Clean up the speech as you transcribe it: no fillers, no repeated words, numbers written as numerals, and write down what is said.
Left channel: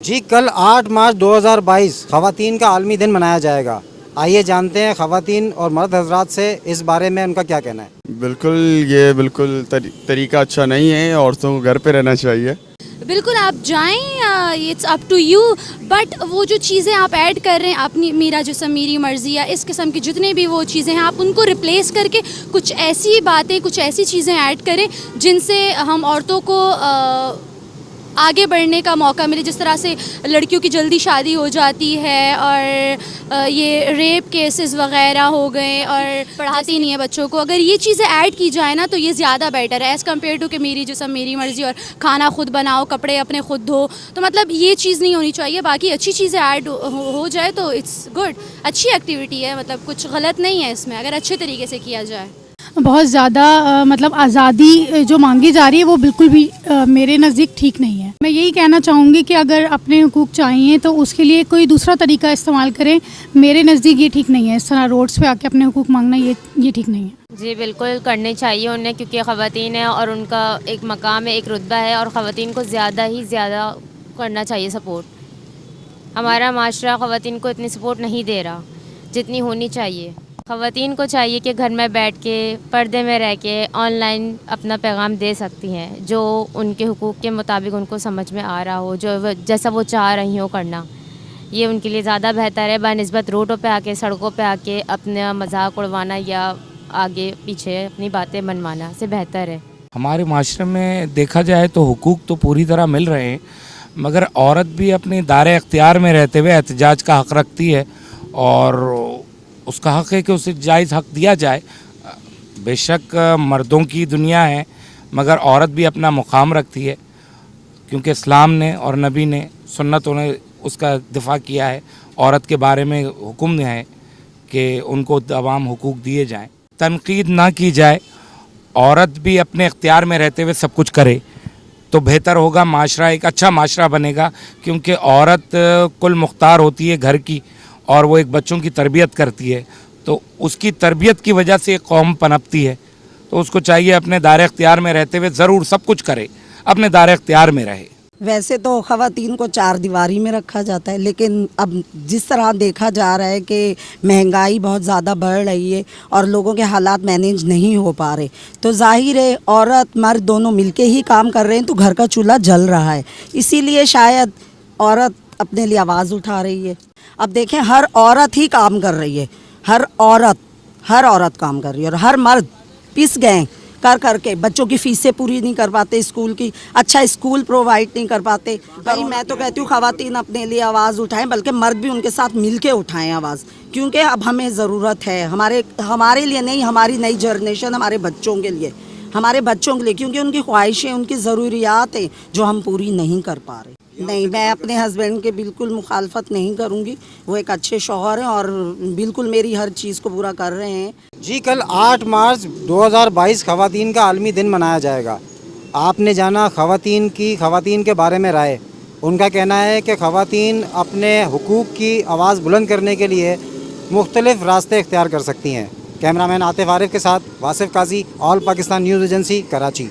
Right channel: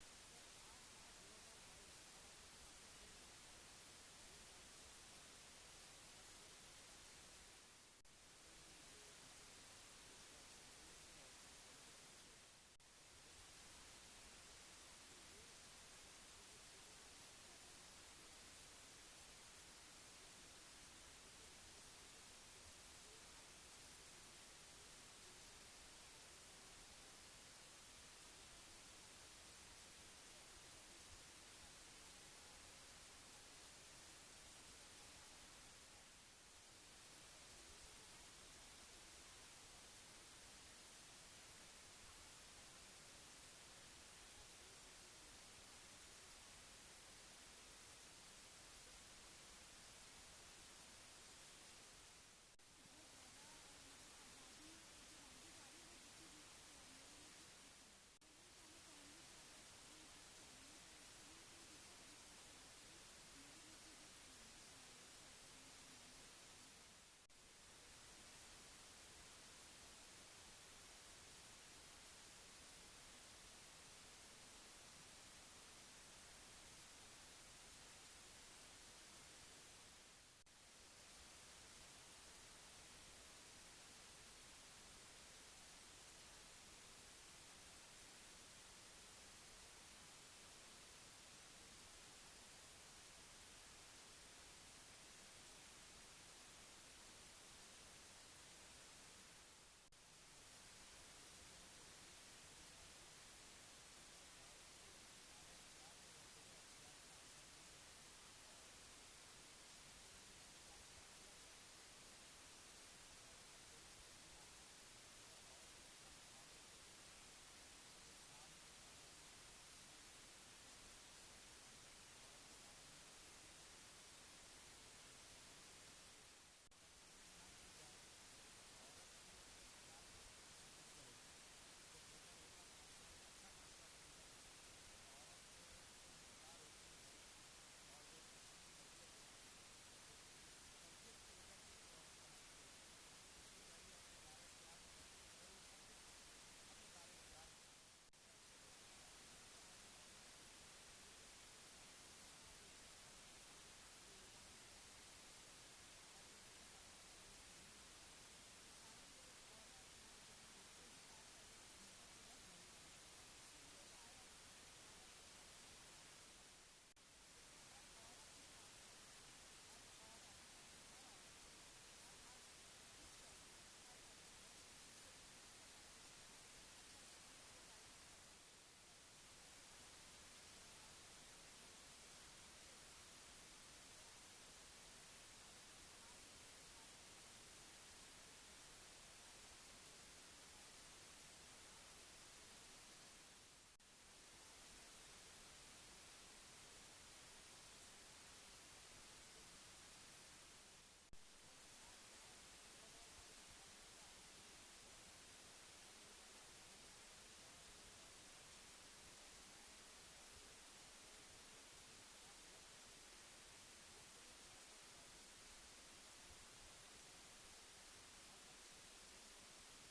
جی کل 8 مارچ 2022 خواتین کا عالمی دن منایا جائے گا. آئیے جانتے ہیں خواتین اور مرد حضرات سے اس بارے میں ان کا کیا کہنا ہے. بالکل طریقہ اچھا نہیں ہے، عورتوں کو گھر پہ رہنا چاہیے. بالکل آپ جائیں، it's up to you, but وہ جو چیزیں آپ ایڈ کر رہے ہیں اپنی میرا جسم میری مرضی یا اس قسم کی جتنے بھی وہ چیزیں ہیں، آپ ان کو ریپلیس کر کے کچھ ایسی باتیں کچھ ایسی چیزیں ایڈ کریں جن سے ہم عورتوں کو آگے بڑھنے کا موقع ملے. جس طرح سے لڑکیوں کی جلدی شادی ہو جاتی ہے اور یہ ریپ کیسز وغیرہ ہو گئے اور پڑھاتی نہیں ہے بچوں کو، اگر یہ چیزیں ایڈ کی جائے نا تو یہ زیادہ بیٹر ہے ایز کمپیئر ٹو کہ میری جسم میری مرضی اور کھانا خود بناؤ کپڑے اپنے خود دھو. تو مطلب یہ چیز نہیں ہونی چاہیے. باقی اچھی چیزیں ایڈ ہو جائے تو اٹس گڈ، اچھی ایکٹیویٹی ہے، مطلب کچھ غلط نہیں ہے اس میں اگر اچھے طریقے سے کیا جائے. بہت زیادہ مطلب آزادی جو مانگی جا رہی ہے وہ بالکل بھی میرے نزدیک ٹھیک نہیں ہے. میں یہی کہنا چاہوں گی کہ اگر اپنے حقوق چاہیے تو اس کے لیے کوئی دوسرا طریقہ استعمال کریں. میرے نزدیک یہ ٹھیک نہیں ہے، اس طرح روڈس پہ آ کے اپنے حقوق مانگنا یہ ٹھیک نہیں ہے. جی بالکل کرنے چاہیے انہیں، کیونکہ خواتین ہیں اور ان کا ایک مقام ہے، ایک رتبہ ہے، اور خواتین کو زیادہ ہی زیادہ کرنا چاہیے سپورٹ. ہمارا معاشرہ خواتین کو اتنی سپورٹ نہیں دے رہا جتنی ہونی چاہیے. خواتین کو چاہیے کہ گھر میں بیٹھ کے پردے میں رہ کے آن لائن اپنا پیغام دے سکتی ہیں، جو ان کے حقوق کے مطابق ان کو سمجھ میں آ رہا ہو، جیسا وہ چاہ رہی ہوں کرنا. یہ ان کے لیے زیادہ بہتر ہے بنسبت روڈوں پہ آ کے سڑکوں پہ آ کے اپنا مذاق اڑوانا یا آگے پیچھے اپنی باتیں منوانا سے بہتر ہے. ہمارے معاشرے میں دیکھا جائے تو حقوق تو پوری طرح مل رہے ہیں، مگر عورت بھی اپنے دائرۂ اختیار میں رہتے ہوئے احتجاج کا حق رکھتی ہے، اور اس کا حق ہے کہ اسے جائز حق دیا جائے. بے شک مردوں کی دنیا ہے، مگر عورت بھی اپنا مقام رکھتی ہے، کیونکہ اسلام نے اور نبی نے سنتوں نے اس کا دفاع کیا ہے. عورت کے بارے میں حکم ہے کہ ان کو تمام حقوق دیے جائیں. تنقید نہ کی جائے، عورت بھی اپنے اختیار میں رہتے ہوئے سب کچھ کرے تو بہتر ہوگا. معاشرہ ایک اچھا معاشرہ بنے گا، کیونکہ عورت کل مختار ہوتی ہے گھر کی، اور وہ ایک بچوں کی تربیت کرتی ہے، تو اس کی تربیت کی وجہ سے ایک قوم پنپتی ہے. تو اس کو چاہیے اپنے دائرۂ اختیار میں رہتے ہوئے ضرور سب کچھ کرے، اپنے دائرۂ اختیار میں رہے. ویسے تو خواتین کو 4 دیواری میں رکھا جاتا ہے، لیکن اب جس طرح دیکھا جا رہا ہے کہ مہنگائی بہت زیادہ بڑھ رہی ہے اور لوگوں کے حالات مینیج نہیں ہو پا رہے، تو ظاہر ہے عورت مرد دونوں مل کے ہی کام کر رہے ہیں تو گھر کا چولہا جل رہا ہے. اسی لیے شاید عورت اپنے لیے آواز اٹھا رہی ہے. اب دیکھیں ہر عورت ہی کام کر رہی ہے، ہر عورت کام کر رہی ہے، اور ہر مرد پس گئے کر کے بچوں کی فیسیں پوری نہیں کر پاتے، اسکول کی اچھا اسکول پرووائڈ نہیں کر پاتے. بھائی میں تو کہتی ہوں خواتین اپنے لیے آواز اٹھائیں، بلکہ مرد بھی ان کے ساتھ مل کے اٹھائیں آواز، کیونکہ اب ہمیں ضرورت ہے ہمارے لیے نہیں، ہماری نئی جنریشن، ہمارے بچوں کے لیے، کیونکہ ان کی خواہشیں، ان کی ضروریات ہیں جو ہم پوری نہیں کر پا رہے. نہیں، میں اپنے ہسبینڈ کے بالکل مخالفت نہیں کروں گی. وہ ایک اچھے شوہر ہیں اور بالکل میری ہر چیز کو پورا کر رہے ہیں. جی کل 8 مارچ 2022 خواتین کا عالمی دن منایا جائے گا. آپ نے جانا خواتین کے بارے میں رائے. ان کا کہنا ہے کہ خواتین اپنے حقوق کی آواز بلند کرنے کے لیے مختلف راستے اختیار کر سکتی ہیں. کیمرہ مین عاطف عارف کے ساتھ واصف قاضی، آل پاکستان نیوز ایجنسی، کراچی.